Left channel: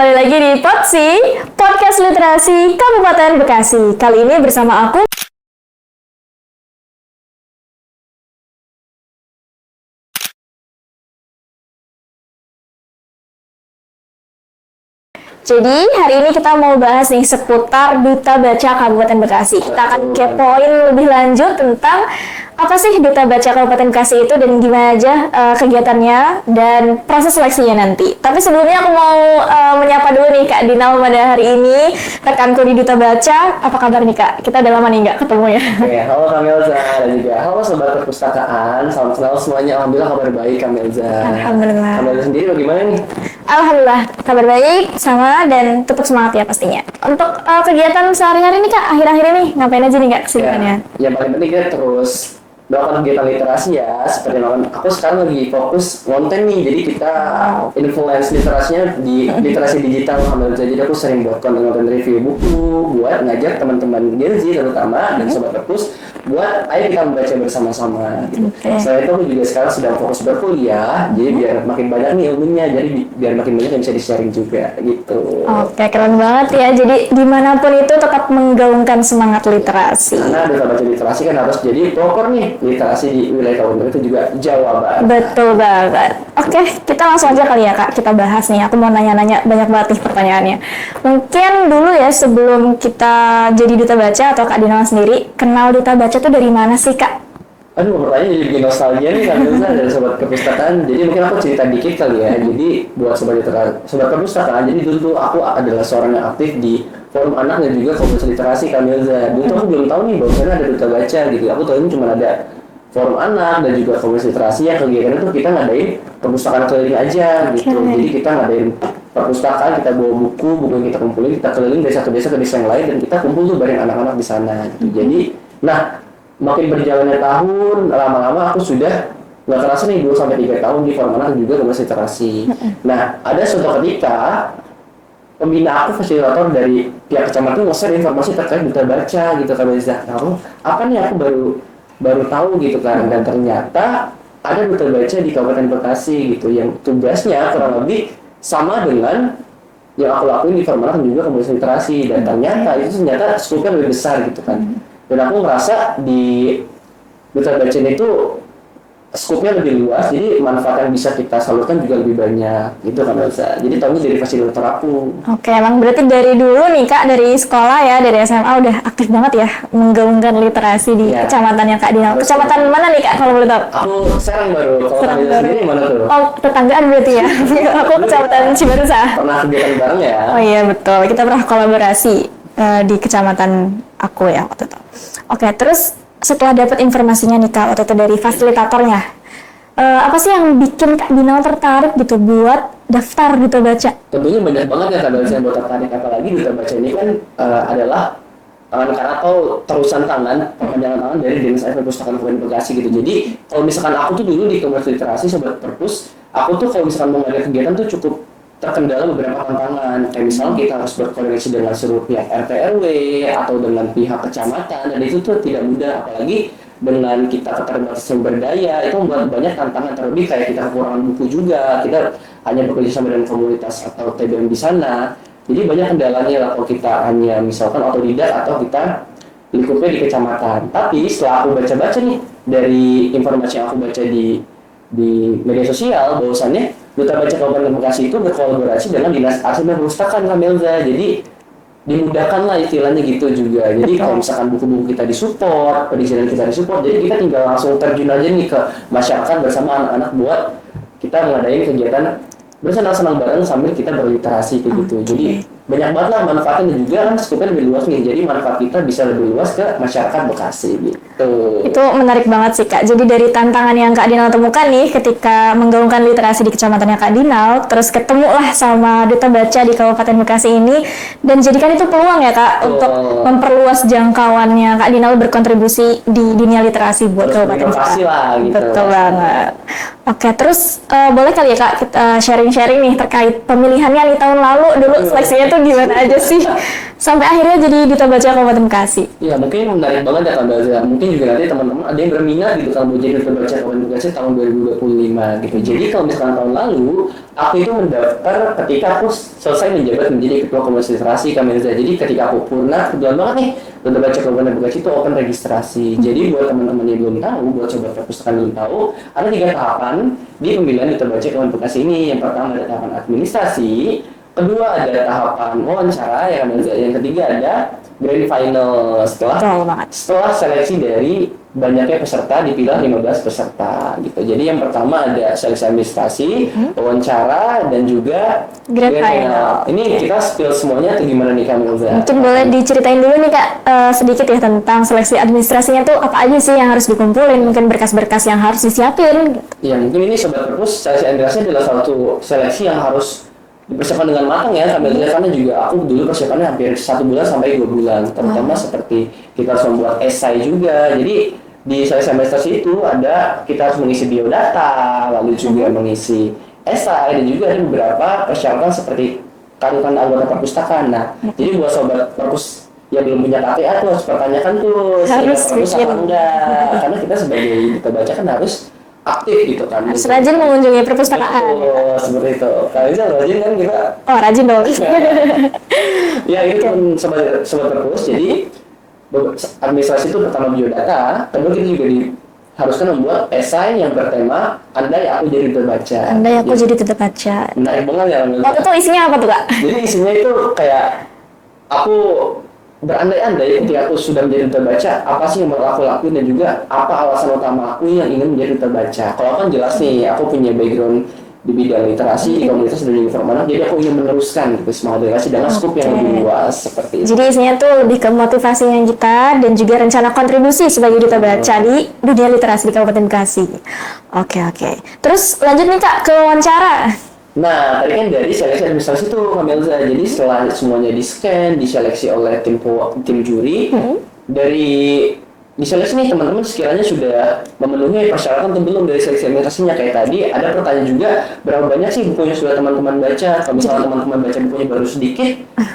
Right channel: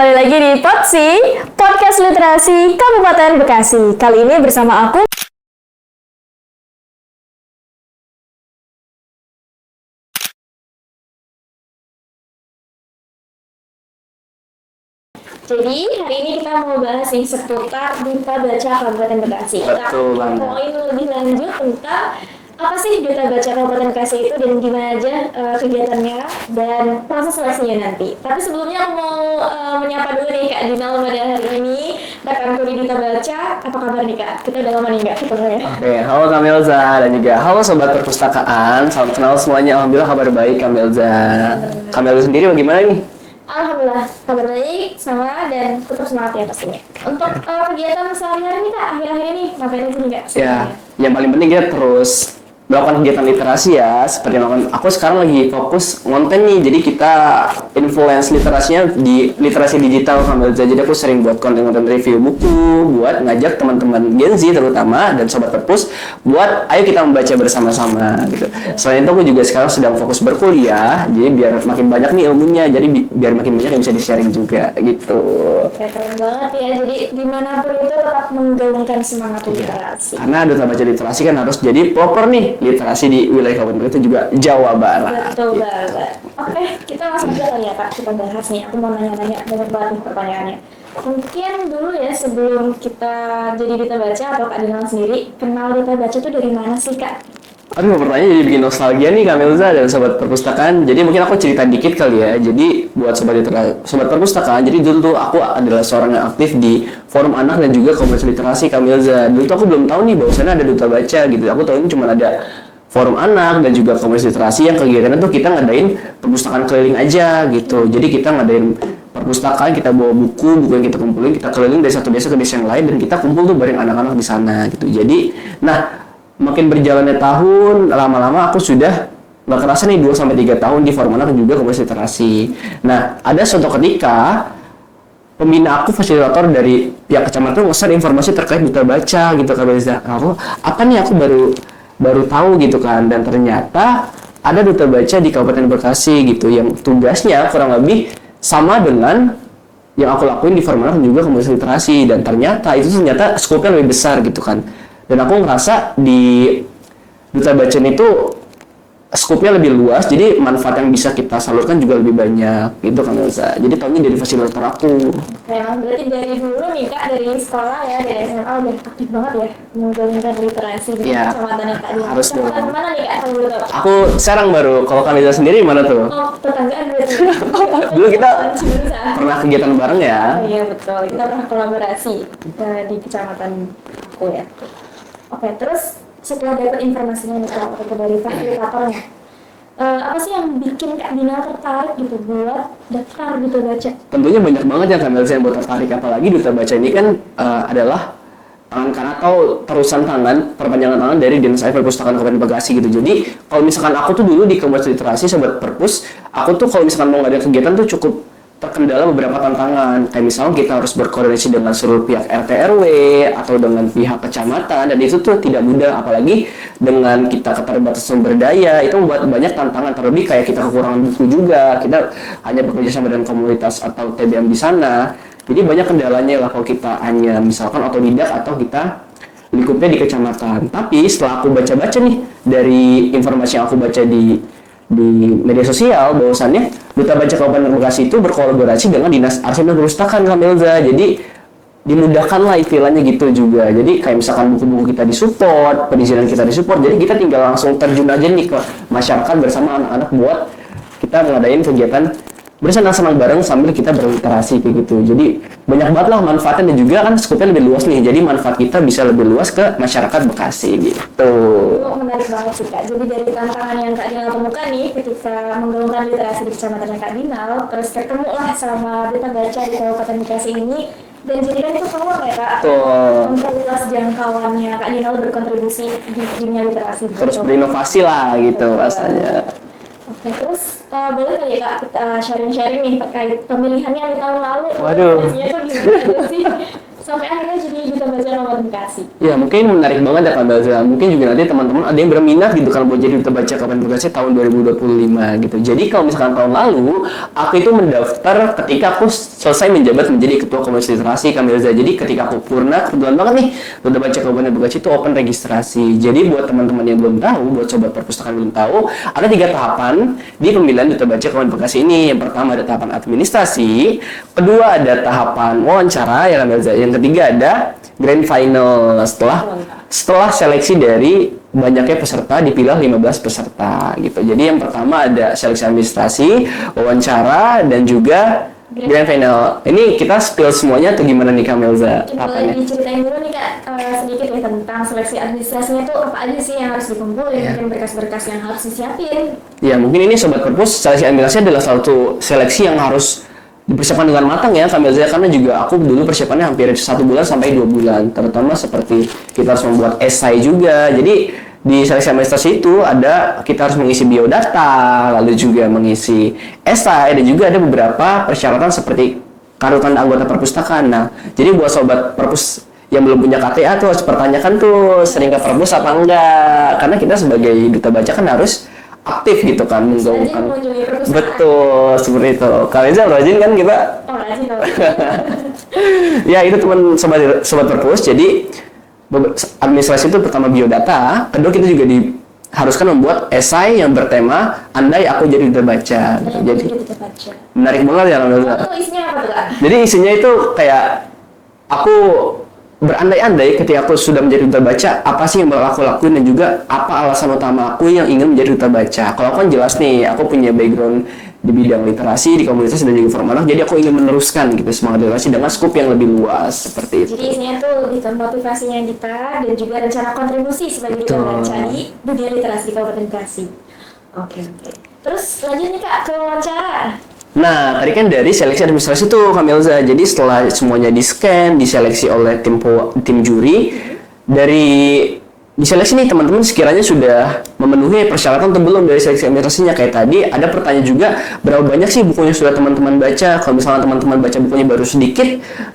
kembali lagi di Potsi, Podcast Literasi Kabupaten Bekasi. Kali ini bersama aku. Jadi hari ini kita mau bahas nih seputar Duta Baca Kabupaten Bekasi. Kita akan kepoin lebih lanjut tentang apa sih Duta Baca Kabupaten Bekasi itu dan gimana aja kegiatannya dan proses seleksinya nanti. Tapi sebelumnya aku mau menyapa dulu nih Kak Dinal pada hari ini, rekanku di Duta Baca. Apa kabar nih Kak? Kita udah lama nih nggak ketemu ya. Oke, halo Kak Melza dan juga halo Sobat Perpustakaan. Salam kenal semuanya, alhamdulillah kabar baik Kak Melza. Alhamdulillah. Kak Melza sendiri bagaimana nih? Alhamdulillah, kabar baik sama dan tetap semangat ya pastinya. Untuk kegiatan sehari-hari nih Kak, akhir-akhir ini ngapain aja nih Kak kesibukannya? Ya, yang paling penting kita terus melakukan kegiatan literasi ya, seperti melakukan. Aku sekarang lagi fokus konten nih, jadi kita influence literasinya di literasi digital Kak Melza. Jadi aku sering buat konten-konten review buku, buat ngajak teman-teman Gen Z terutama dan Sobat Perpus buat ayo kita membaca bersama-sama gitu. Selain itu aku juga sekarang sedang fokus berkuliah, jadi biar makin banyak nih ilmunya, jadi biar makin banyak yang bisa di-sharing juga gitu. Oke, keren banget ya. Jadi dimanapun itu tetap menggaungkan semangat literasi. Karena Duta Baca Literasi kan harus jadi proper nih literasi di wilayah kabupaten itu juga Jawa Barat. Betul banget. Oke, kita langsung aja kali ya Kak, kita bahas nih. Aku mau nanya-nanya banyak banget nih pertanyaannya. Mungkin dulu ya sebelum kita jadi Duta Baca atau Kak Dinal sendiri, kenal Duta Baca tuh dari mana sih Kak? Aduh, pertanyaan jadi bikin nostalgia nih Kak Melza dan Sobat Perpustakaan. Jadi mungkin aku cerita dikit kali ya. Jadi buat Sobat Perpustakaan, jadi dulu tuh aku adalah seorang yang aktif di forum anak dan juga komunitas literasi Kak Melza. Dulu tuh aku belum tahu nih bahwasannya ada Duta Baca gitu. Aku tahu ini cuma ada forum anak dan juga komunitas literasi yang kegiatannya tuh kita ngadain perpustakaan keliling aja gitu. Jadi kita ngadain perpustakaan, kita bawa buku yang kita kumpulin, kita keliling dari satu desa ke desa yang lain dan kita kumpul tuh bareng anak-anak di sana gitu. Jadi, makin berjalannya tahun, lama-lama aku sudah nggak kerasa nih 2-3 tahun di forum anak dan juga komunitas literasi. Nah, ada suatu ketika pembina aku, fasilitator dari pihak kecamatan nge-share informasi terkait Duta Baca gitu Kak Melza. Apa nih aku baru tahu gitu kan, dan ternyata ada Duta Baca di Kabupaten Bekasi gitu yang tugasnya kurang lebih sama dengan yang aku lakuin di forum anak dan juga komunitas literasi, dan ternyata skopnya lebih besar gitu kan. Dan aku ngerasa di Duta Baca itu skupnya lebih luas, jadi manfaat yang bisa kita salurkan juga lebih banyak gitu kan Elsa. Jadi tahunnya dari fasilitator aku. Oke, emang berarti dari dulu nih Kak, dari sekolah ya, dari SMA udah aktif banget ya menggaungkan literasi di kecamatannya Kak Dinal. Kecamatan mana nih Kak kalau boleh tahu? Aku sekarang baru, kalau Kak Dinal sendiri mana tuh? Oh, tetanggaan berarti ya. Aku kecamatan Cibarusah. Pernah kegiatan bareng ya? Oh iya betul, kita pernah kolaborasi di kecamatan aku ya waktu itu. Oke, terus setelah dapat informasinya nih Kak, waktu itu dari fasilitatornya, apa sih yang bikin Kak Dinal tertarik gitu buat daftar Duta Baca? Tentunya banyak banget ya Kak Dinal yang buat tertarik, apalagi Duta Baca ini kan adalah karena tahu terusan tangan, perpanjangan tangan dari Dinas Perpustakaan Kabupaten Bekasi gitu. Jadi kalau misalkan aku tuh dulu di komunitas literasi Sobat Perpus, aku tuh kalau misalkan mau ada kegiatan tuh cukup terkendala beberapa tantangan, kayak misalnya kita harus berkoordinasi dengan seluruh pihak RT RW atau dengan pihak kecamatan, dan itu tuh tidak mudah, apalagi dengan kita keterbatasan sumber daya, itu membuat banyak tantangan, terlebih kayak kita kekurangan buku juga, kita hanya bekerja sama dengan komunitas atau TBM di sana, jadi banyak kendalanya lah kalau kita hanya misalkan otodidak atau kita lingkupnya di kecamatan. Tapi setelah aku baca-baca nih dari informasi yang aku baca di media sosial, bahwasannya Duta Baca Kabupaten Bekasi itu berkolaborasi dengan Dinas Arsip dan Perpustakaan Kak Melza. Jadi dimudahkan lah istilahnya gitu juga. Jadi kayak misalkan buku-buku kita disupport, perizinan kita disupport, jadi kita tinggal langsung terjun aja nih ke masyarakat bersama anak-anak buat kita ngadain kegiatan bersenang-senang bareng sambil kita berliterasi kayak gitu. Jadi banyak banget lah manfaatnya, dan juga kan skupnya lebih luas nih. Jadi manfaat kita bisa lebih luas ke masyarakat Bekasi gitu. Itu menarik banget sih Kak. Jadi dari tantangan yang Kak Dinal temukan nih ketika menggaungkan literasi di kecamatannya Kak Dinal, terus ketemulah sama Duta Baca di Kabupaten Bekasi ini, dan jadikan itu peluang ya Kak untuk memperluas jangkauannya Kak Dinal berkontribusi di dunia literasi buat Kabupaten Bekasi lah gitu. Betul banget. Oke, terus boleh kali ya Kak kita sharing-sharing nih terkait pemilihannya di tahun lalu. Dulu seleksinya tuh gimana aja sih? Sampai akhirnya jadi Duta Baca Kabupaten Bekasi. Ya mungkin menarik banget ya Kak Belza. Mungkin juga nanti teman-teman ada yang berminat gitu kan buat jadi Duta Baca Kabupaten Bekasi tahun 2025 gitu. Jadi kalau misalkan tahun lalu aku itu mendaftar ketika aku selesai menjabat menjadi Ketua Komunitas Literasi Kak Belza. Jadi ketika aku purna, kebetulan banget nih Duta Baca Kabupaten Bekasi itu open registrasi. Jadi buat teman-teman yang belum tahu, buat sobat perpustakaan belum tahu, ada 3 tahapan di pemilihan Duta Baca Kabupaten Bekasi ini. Yang pertama ada tahapan administrasi, kedua ada tahapan wawancara ya Kak Belza. Yang ketiga ada grand final setelah seleksi dari banyaknya peserta dipilih 15 peserta gitu. Jadi yang pertama ada seleksi administrasi, wawancara dan juga grand final. Ini kita spill semuanya atau gimana nih Kak Melza? Mungkin boleh diceritain dulu nih Kak sedikit ya tentang seleksi administrasinya tuh apa aja sih yang harus dikumpulin, mungkin berkas-berkas yang harus disiapin. Ya mungkin ini sobat perpus, seleksi administrasi adalah satu seleksi yang harus dipersiapkan dengan matang ya Kak Melza, karena juga aku dulu persiapannya hampir 1 bulan sampai 2 bulan, terutama seperti kita harus membuat esai juga. Jadi di seleksi administrasi itu kita harus mengisi biodata, lalu juga mengisi esai, dan juga ada beberapa persyaratan seperti kartu tanda anggota perpustakaan. Nah, jadi buat sobat perpus yang belum punya KTA tuh harus pertanyakan tuh sering nggak perpus apa enggak, karena kita sebagai duta baca kan harus aktif gitu kan. Rajin mengunjungi perpustakaan. Betul, seperti itu. Kalau Izal rajin kan kita? Oh, rajin dong. Ya, itu teman sobat perpus. Jadi administrasi itu pertama biodata, kedua kita juga haruskan membuat esai yang bertema andai aku jadi duta baca. Andai aku jadi duta baca. Menarik banget ya. Waktu itu isinya apa tuh Kak? Jadi isinya itu kayak aku berandai-andai ketika aku sudah menjadi duta baca, apa sih yang bakal aku lakuin dan juga apa alasan utama aku yang ingin menjadi duta baca. Kalau aku kan jelas nih, aku punya background di bidang literasi, di komunitas dan juga formal, jadi aku ingin meneruskan gitu semangat literasi dengan skup yang lebih luas seperti itu. Jadi isinya tuh lebih ke motivasinya kita dan juga rencana kontribusi sebagai duta baca di dunia literasi di Kabupaten Bekasi. Oke. Terus lanjut nih Kak ke wawancara. Nah, tadi kan dari seleksi administrasi tuh Kak Melza. Jadi setelah semuanya di-scan, diseleksi oleh tim juri, dari diseleksi nih teman-teman sekiranya sudah memenuhi persyaratan atau belum dari seleksi administrasinya. Kayak tadi ada pertanyaan juga, berapa banyak sih bukunya sudah teman-teman baca. Kalau misalnya teman-teman baca bukunya baru sedikit,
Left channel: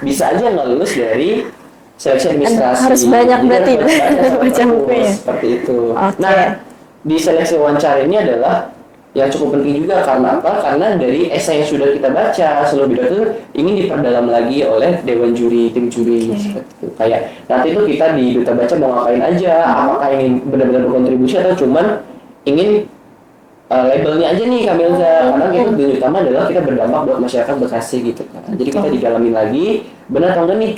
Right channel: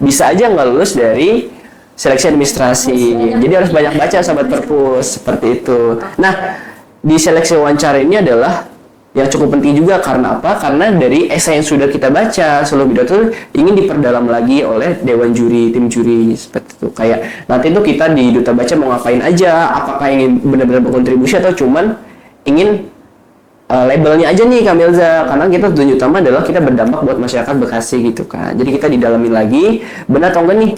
bisa aja nggak lulus dari seleksi administrasi. Jadi harus banyak baca sahabat perpus, seperti itu. Nah, di seleksi wawancara ini adalah yang cukup penting juga, karena apa? Karena dari esai yang sudah kita baca seluruh bidang itu ingin diperdalam lagi oleh dewan juri, tim juri seperti itu. Kayak nanti itu kita di duta baca mau ngapain aja? Apakah ingin benar-benar berkontribusi atau cuman ingin labelnya aja nih Kak Melza? Karena kita tujuan utama adalah kita berdampak buat masyarakat Bekasi gitu kan. Jadi kita didalami lagi benar atau enggak nih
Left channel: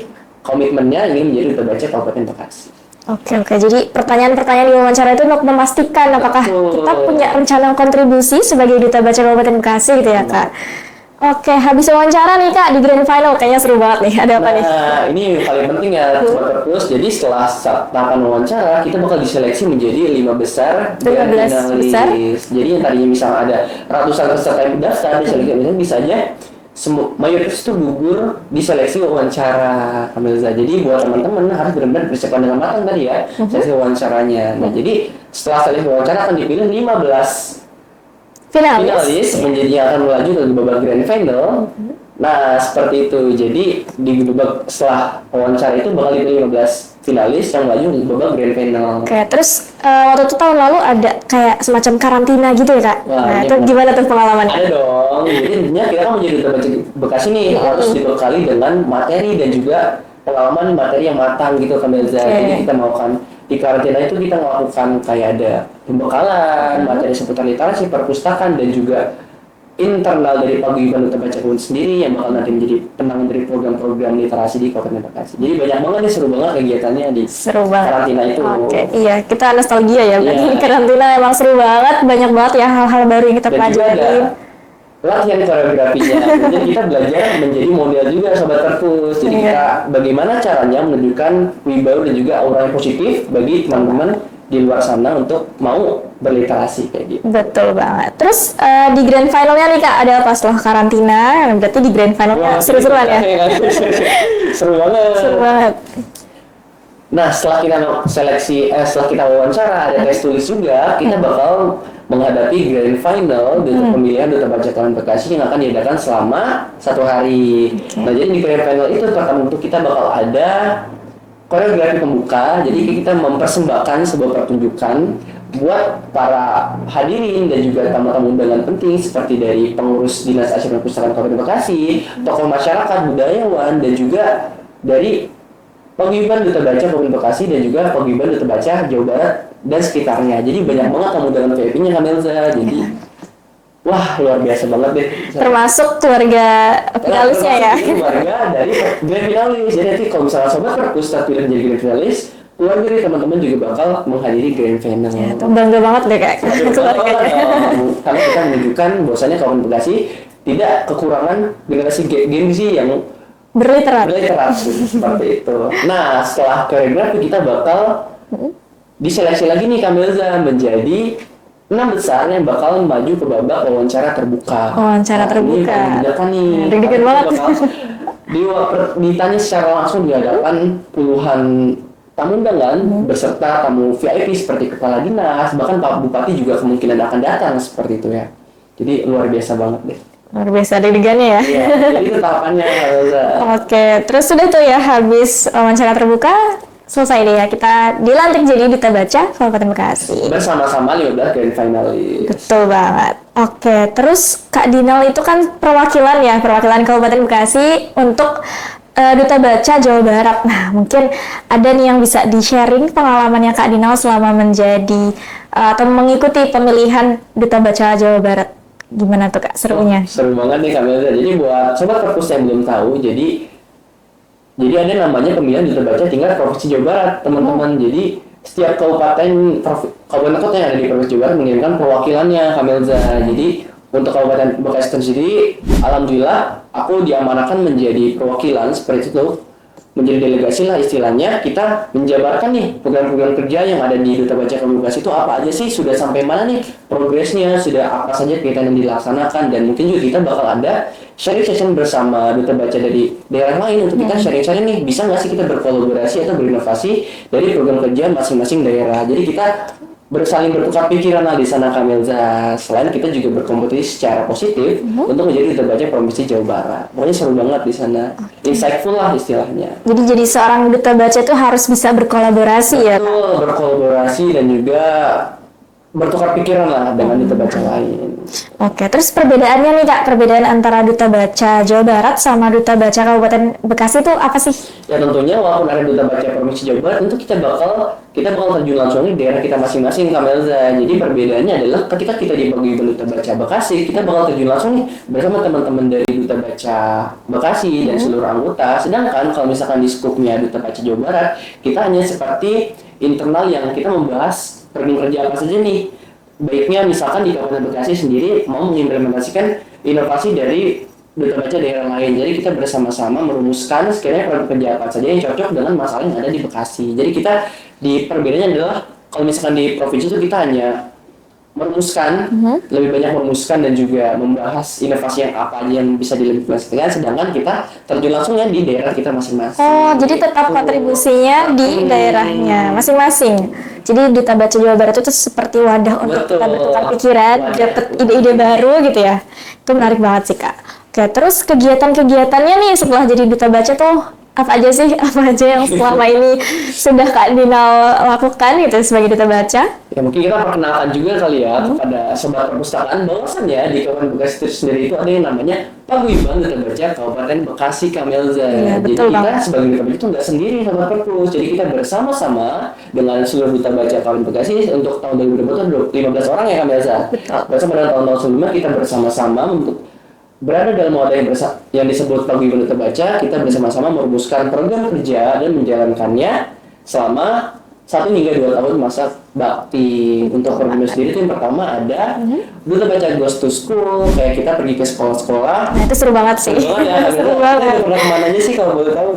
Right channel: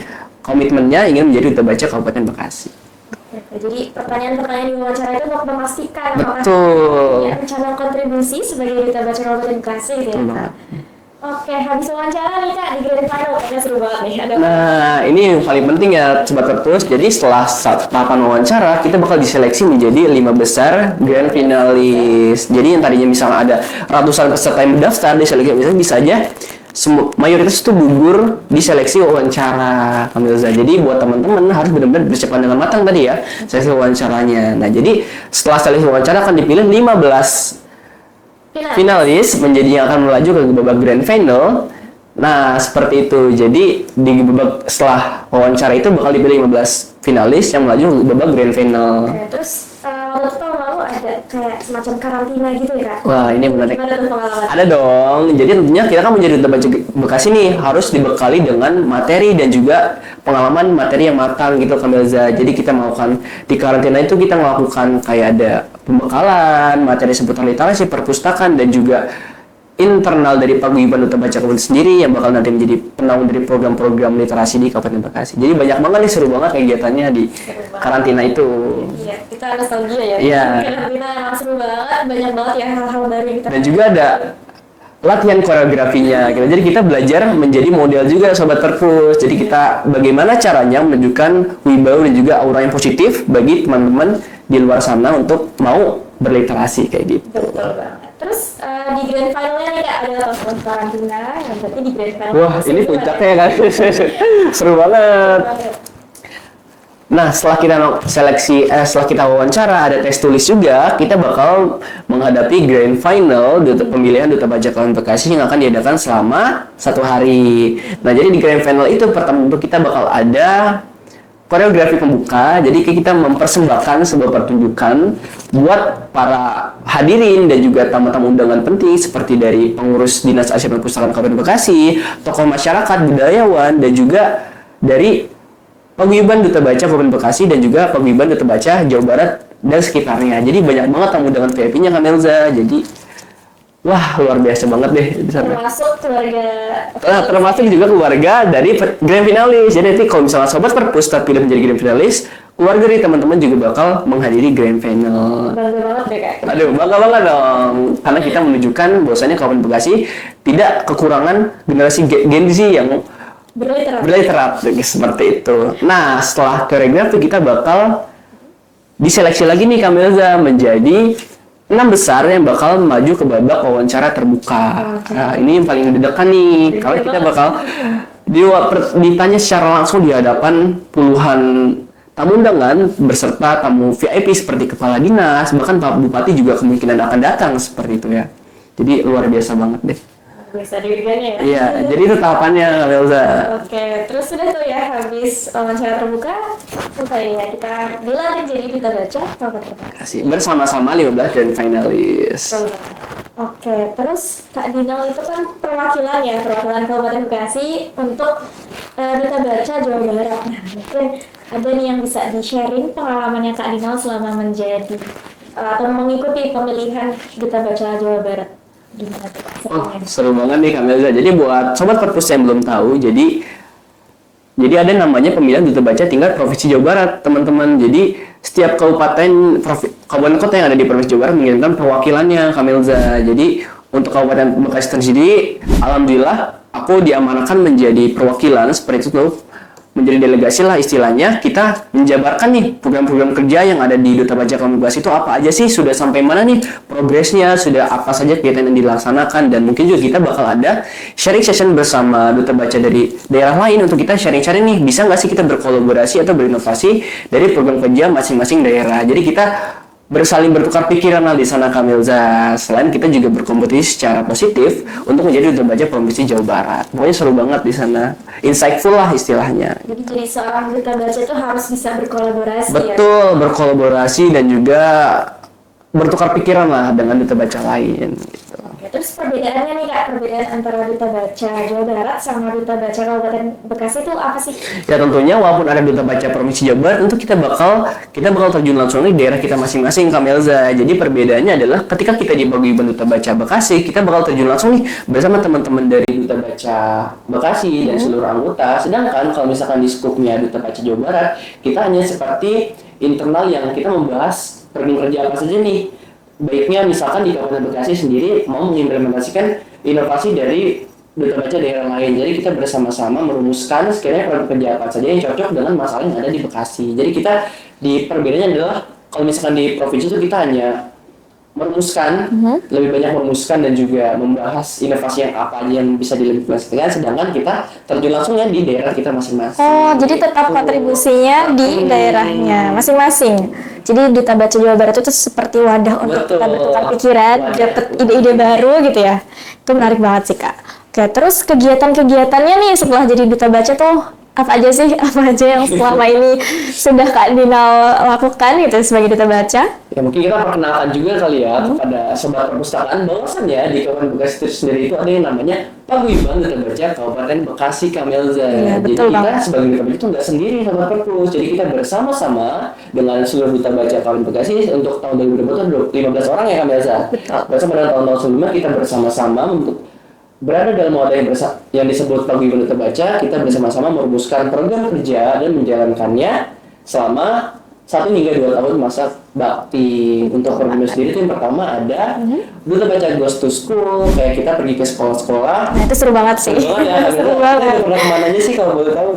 komitmennya ingin menjadi duta baca Kabupaten Bekasi. Oke. Jadi pertanyaan-pertanyaan di wawancara itu untuk memastikan apakah kita punya rencana kontribusi sebagai duta baca Kabupaten Bekasi gitu ya Kak. Oke, habis wawancara nih Kak di grand final kayaknya seru banget nih. Ada apa nih? Nah, ini yang paling penting ya sobat perpus. Jadi setelah tahapan wawancara kita bakal diseleksi menjadi 5 besar grand finalis. Jadi yang tadinya misalnya ada ratusan peserta yang mendaftar di seleksi misalnya bisa aja mayoritas itu gugur di seleksi wawancara Kak Melza. Jadi buat teman-teman harus benar-benar bersiapkan dengan matang tadi ya seleksi wawancaranya. Nah, jadi setelah seleksi wawancara akan dipilih 15 finalis menjadi yang akan melaju ke babak grand final. Nah, seperti itu. Jadi di babak setelah wawancara itu bakal dipilih 15 finalis yang melaju ke babak grand final. Oke, terus waktu itu tahun lalu ada kayak semacam karantina gitu ya Kak? Wah, itu gimana tuh pengalaman? Ada dong. Jadi tentunya kita kan menjadi duta baca Bekasi nih harus dibekali dengan materi dan juga pengalaman materi yang matang gitu Kak Melza. Jadi kita melakukan di karantina itu kita melakukan kayak ada pembekalan materi seputar literasi, perpustakaan dan juga internal dari paguyuban duta baca Kabupaten sendiri yang bakal nanti menjadi penaung dari program-program literasi di Kabupaten Bekasi. Jadi banyak banget nih, seru banget kegiatannya di karantina itu. Oke, iya, kita nostalgia ya. Karantina emang seru banget, banyak banget ya hal-hal baru yang kita pelajari. Dan juga ada latihan koreografinya. Jadi kita belajar menjadi model juga sobat perpus. Jadi kita bagaimana caranya menunjukkan wibawa dan juga aura yang positif bagi teman-teman di luar sana untuk mau berliterasi kayak gitu. Betul banget. Terus di grand finalnya nih Kak, ada apa setelah karantina? Berarti di grand finalnya seru-seruan ya? Seru banget. Nah, setelah kita wawancara, ada tes tulis juga, kita bakal menghadapi grand final pemilihan Duta Baca Kabupaten Bekasi yang akan diadakan selama 1 hari. Nah, jadi di grand final itu pertama untuk kita bakal ada koreografi pembuka. Jadi kita mempersembahkan sebuah pertunjukan buat para hadirin dan juga tamu-tamu undangan penting seperti dari pengurus Dinas Arsip dan Perpustakaan Kabupaten Bekasi, tokoh masyarakat, budayawan, dan juga dari Paguyuban Duta Baca Kabupaten Bekasi dan juga Paguyuban Duta Baca Jawa Barat dan sekitarnya. Jadi banyak banget tamu dengan VIP-nya Kak Melza. Jadi wah, luar biasa banget deh. Termasuk keluarga finalisnya termasuk ya. juga keluarga dari grand finalis. Jadi nanti kalau misalnya sobat Perpus terpilih menjadi grand finalis, keluarga dari teman-teman juga bakal menghadiri grand final. Bangga banget deh Kak. Aduh, bangga banget dong. Karena kita menunjukkan bahwasanya Kabupaten Bekasi tidak kekurangan generasi Gen Z yang berliterasi seperti itu. Nah, setelah koreografi kita bakal diseleksi lagi nih Kak Melza menjadi 6 besar yang bakal maju ke babak wawancara terbuka. Ini paling deg-degan nih. Kalau kita bakal ditanya secara langsung di hadapan puluhan tamu undangan beserta tamu VIP seperti kepala dinas, bahkan Pak Bupati juga kemungkinan akan datang seperti itu ya. Jadi luar biasa banget deh. Luar biasa deg-degannya ya. Iya, jadi itu tahapannya Melza. Oke, terus sudah tuh ya habis wawancara terbuka, selesai deh ya kita dilantik jadi Duta Baca Kabupaten Bekasi. Bersama-sama 15 dan finalis. Betul banget. Oke, terus Kak Dinal itu kan perwakilan Kabupaten Bekasi untuk Duta Baca Jawa Barat. Nah, mungkin ada nih yang bisa di-sharing pengalamannya Kak Dinal selama menjadi atau mengikuti pemilihan Duta Baca Jawa Barat. Gimana tuh Kak serunya? Seru banget nih Kak Melza. Jadi buat sobat Perpus yang belum tahu, jadi ada namanya pemilihan Duta Baca tingkat Provinsi Jawa Barat, teman-teman. Jadi setiap kabupaten kota yang ada di Provinsi Jawa Barat mengirimkan perwakilannya Kak Melza. Jadi untuk Kabupaten Bekasi sendiri, alhamdulillah aku diamanahkan menjadi perwakilan seperti itu, menjadi delegasi lah istilahnya. Kita menjabarkan nih program-program kerja yang ada di Duta Baca Kabupaten Bekasi itu apa aja sih, sudah sampai mana nih progresnya, sudah apa saja kegiatan yang dilaksanakan, dan mungkin juga kita bakal ada sharing session bersama Duta Baca dari daerah lain untuk kita sharing-sharing nih, bisa nggak sih kita berkolaborasi atau berinovasi dari program kerja masing-masing daerah. Jadi kita bersaling bertukar pikiran lah di sana Kak Melza. Selain kita juga berkompetisi secara positif untuk menjadi Duta Baca Provinsi Jawa Barat. Pokoknya seru banget di sana. Insightful lah istilahnya. Jadi seorang Duta Baca itu harus bisa berkolaborasi. Betul, ya. Betul, berkolaborasi dan juga bertukar pikiran lah dengan Duta Baca lain. Oke, terus perbedaannya nih Kak, perbedaan antara Duta Baca Jawa Barat sama Duta Baca Kabupaten Bekasi itu apa sih? Ya tentunya walaupun ada Duta Baca Provinsi Jawa Barat, tentu kita bakal terjun langsung di daerah kita masing-masing Kak Melza. Jadi perbedaannya adalah ketika kita di Paguyuban Duta Baca Bekasi, kita bakal terjun langsung nih bersama teman-teman dari Duta Baca Bekasi dan seluruh anggota. Sedangkan kalau misalkan di skupnya Duta Baca Jawa Barat, kita hanya seperti internal yang kita membahas program kerja apa saja nih. Baiknya misalkan di Kabupaten Bekasi sendiri mau mengimplementasikan inovasi dari Duta Baca daerah lain. Jadi kita bersama-sama merumuskan sekiranya program kerja apa saja yang cocok dengan masalah yang ada di Bekasi. Jadi kita di perbedaannya adalah kalau misalkan di provinsi itu kita hanya merumuskan, lebih banyak merumuskan dan juga membahas inovasi yang apa aja yang bisa diimplementasikan, sedangkan kita terjun langsungnya di daerah kita masing-masing. Oh, jadi tetap kontribusinya di daerahnya masing-masing. Jadi Duta Baca Jawa Barat itu seperti wadah untuk kita bertukar pikiran, dapat ide-ide baru gitu ya. Itu menarik banget sih Kak. Oke, terus kegiatan-kegiatannya nih setelah jadi Duta Baca tuh apa aja sih? Apa aja yang selama ini sudah Kak Dinal lakukan gitu sebagai Duta Baca? Ya mungkin kita perkenalkan juga kali ya kepada sobat perpustakaan bahwasannya di Kabupaten Bekasi itu sendiri itu ada yang namanya Paguyuban Duta Baca Kabupaten Bekasi Kak Melza. Ya, jadi betul kita banget. sebagai Duta Baca itu nggak sendiri sobat perpus. Jadi kita bersama-sama dengan seluruh Duta Baca Kabupaten Bekasi untuk tahun 2020 itu 15 orang ya Kak Melza. Bersama dengan tahun-tahun sebelumnya kita bersama-sama untuk berada dalam wadah yang disebut Paguyuban Duta Baca. Kita bersama-sama merumuskan program kerja dan menjalankannya selama 1 hingga 2 tahun masa bakti. Untuk program sendiri itu yang pertama ada Duta Baca Goes to School, kayak kita pergi ke sekolah-sekolah. Nah, itu seru banget sih. Seru banget ya. Seru banget. Kita pernah kemana aja sih kalau boleh tahu?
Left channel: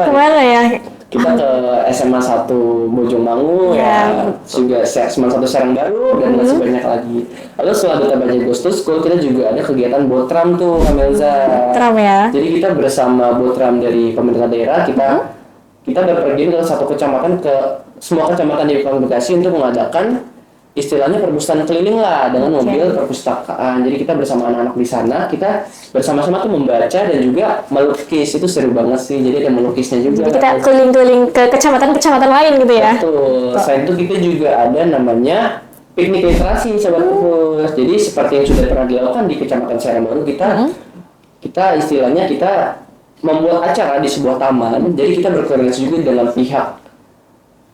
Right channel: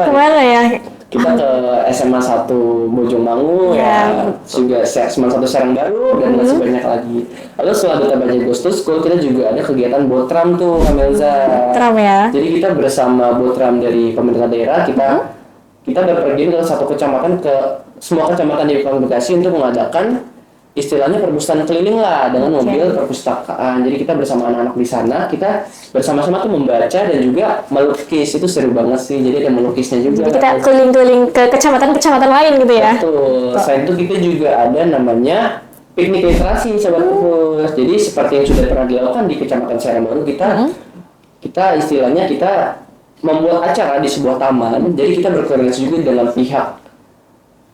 Kemana ya? Kita ke SMA 1 Bojongmangu ya, juga SMA 1 Serangbaru dan masih banyak lagi. Lalu setelah Duta Baca Goes to School, kita juga ada kegiatan Botram tuh Kak Melza. Botram ya. Jadi kita bersama Botram dari pemerintah daerah, kita kita berpergian ke satu kecamatan ke semua kecamatan di Kabupaten Bekasi untuk mengadakan istilahnya perpustakaan keliling lah dengan mobil perpustakaan. Jadi kita bersama anak-anak di sana, kita bersama-sama tuh membaca dan juga melukis. Itu seru banget sih. Jadi ada melukisnya juga. Jadi kita keliling-keliling ke kecamatan-kecamatan lain gitu ya. Betul. Selain itu kita juga ada namanya piknik literasi Sobat Perpus. Jadi seperti yang sudah pernah dilakukan di Kecamatan Serang Baru, kita istilahnya kita membuat acara di sebuah taman. Jadi kita berkoordinasi juga dengan pihak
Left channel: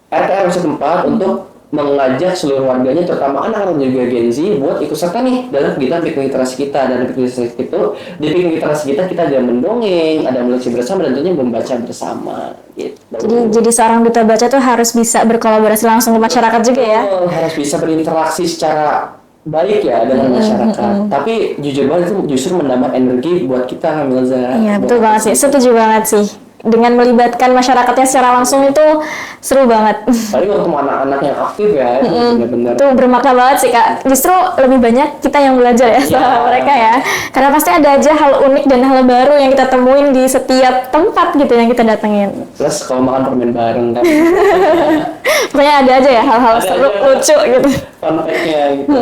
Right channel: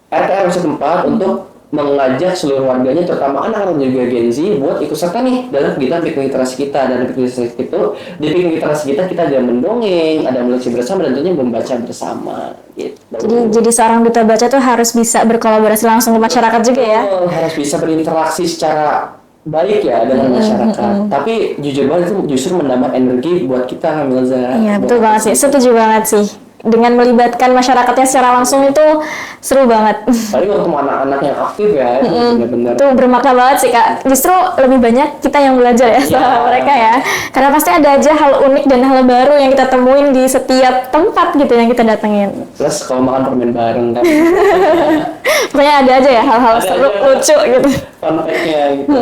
RT RW setempat untuk mengajak seluruh warganya, terutama anak-anak dan juga Gen Z, buat ikut serta nih dalam kegiatan piknik literasi kita. Dan piknik literasi itu, di piknik literasi kita ada mendongeng, ada melukis bersama, dan tentunya membaca bersama. Gitu. Jadi seorang duta baca tuh harus bisa berkolaborasi langsung ke masyarakat juga ya. Harus bisa berinteraksi secara baik ya dengan masyarakat. Tapi jujur banget itu justru menambah energi buat kita, Milza. Iya betul banget sih, setuju banget sih. Dengan melibatkan masyarakatnya secara langsung itu seru banget. Paling untuk anak-anak yang aktif ya, itu benar-benar. Itu bermakna banget sih Kak. Justru lebih banyak kita yang belajar ya sama mereka ya. Karena pasti ada aja hal unik dan hal baru yang kita temuin di setiap tempat gitu yang kita datengin. Plus kalau makan permen bareng kan. Pokoknya ada aja ya hal-hal seru, lucu gitu. Fun fact-nya gitu.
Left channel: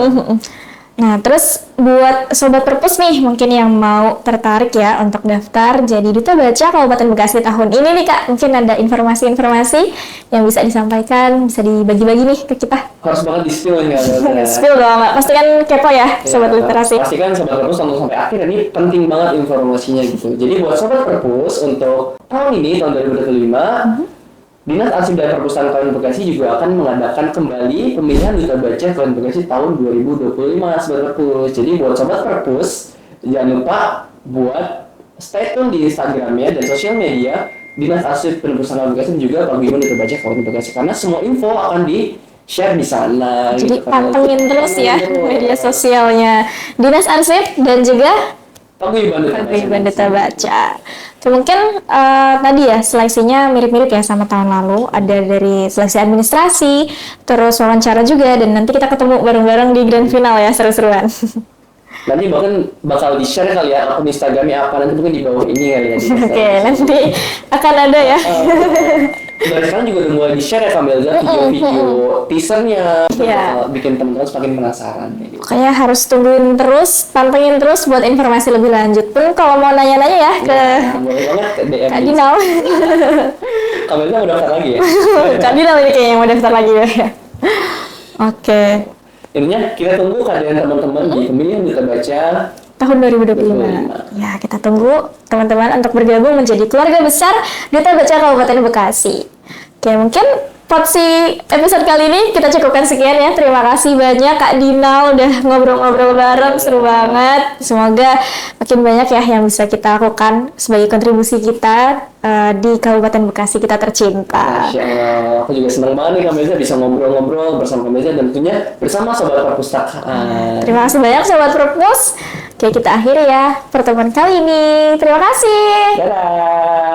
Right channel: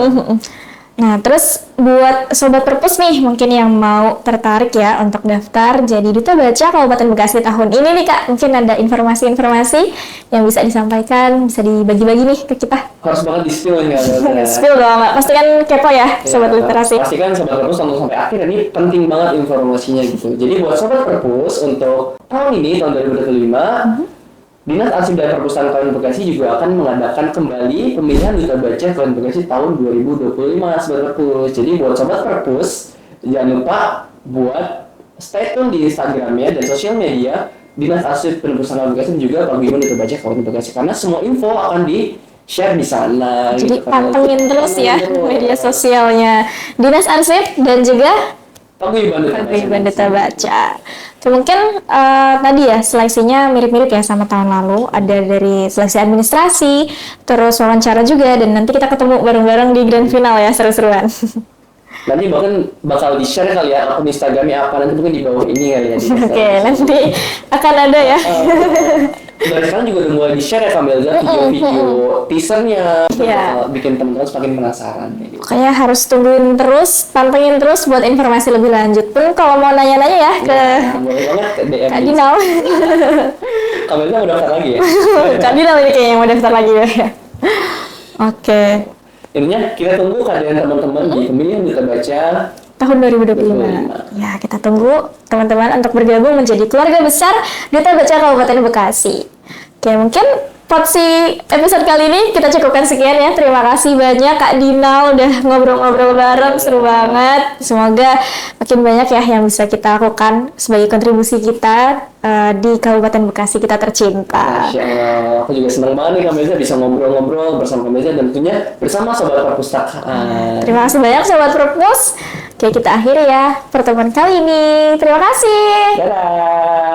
Nah, terus buat Sobat Perpus nih, mungkin yang mau tertarik ya untuk daftar jadi Duta Baca Kabupaten Bekasi tahun ini nih Kak, mungkin ada informasi-informasi yang bisa disampaikan, bisa dibagi-bagi nih ke kita. Harus banget di-spill ya. Spill dong, Mbak. Pasti kan kepo ya, Sobat Literasi. Pastikan Sobat Perpus nonton sampai akhir, ini penting banget informasinya gitu. Jadi buat Sobat Perpus untuk tahun ini, tahun 2025, Dinas Arsip dan Perpustakaan Kabupaten Bekasi juga akan mengadakan kembali pemilihan Duta Baca Kabupaten Bekasi tahun 2025, Sobat Perpus. Jadi buat Sobat Perpus, jangan lupa buat stay tune di Instagramnya dan sosial media Dinas Arsip dan Perpustakaan Kabupaten Bekasi dan juga Paguyuban Duta Baca Kabupaten Bekasi, karena semua info akan di-share di sana. Jadi gitu. pantengin terus ya media sosialnya Dinas Arsip dan juga Paguyuban Duta Baca. Itu mungkin tadi ya seleksinya mirip-mirip ya sama tahun lalu. Ada dari seleksi administrasi, terus wawancara juga, dan nanti kita ketemu bareng-bareng di grand final ya, seru-seruan. Nanti bahkan bakal di-share kali ya akun Instagramnya apa, nanti mungkin di bawah ini kali ya. Oke, nanti akan ada ya. Dari sekarang juga udah mulai di-share ya Kamelza video-video teasernya, Iya. bikin teman-teman semakin penasaran. Gitu. Makanya harus tungguin terus, pantengin terus buat informasi lebih lanjut. Pun kalau mau nanya-nanya ya ke boleh banget ke DM Kak Dinal. Kamelza mau daftar lagi ya? Kak Dinal ini kayaknya yang mau daftar lagi ya. Oke. Intinya kita tunggu kehadiran teman-teman di pemilihan Duta Baca Tahun 2025. Ya, kita tunggu teman-teman untuk bergabung menjadi keluarga besar Duta Baca Kabupaten Bekasi. Oke, mungkin porsi episode kali ini kita cukupkan sekian ya. Terima kasih banyak Kak Dinal udah ngobrol-ngobrol bareng, seru banget. Semoga makin banyak ya yang bisa kita lakukan sebagai kontribusi kita di Kabupaten Bekasi kita tercinta. Masya Allah, aku juga senang banget nih Kamelza bisa ngobrol-ngobrol bersama Kamelza dan tentunya bersama Sobat Perpustakaan. Terima kasih banyak Sobat Perpus. Oke, kita akhiri ya pertemuan kali ini. Terima kasih. Dadah.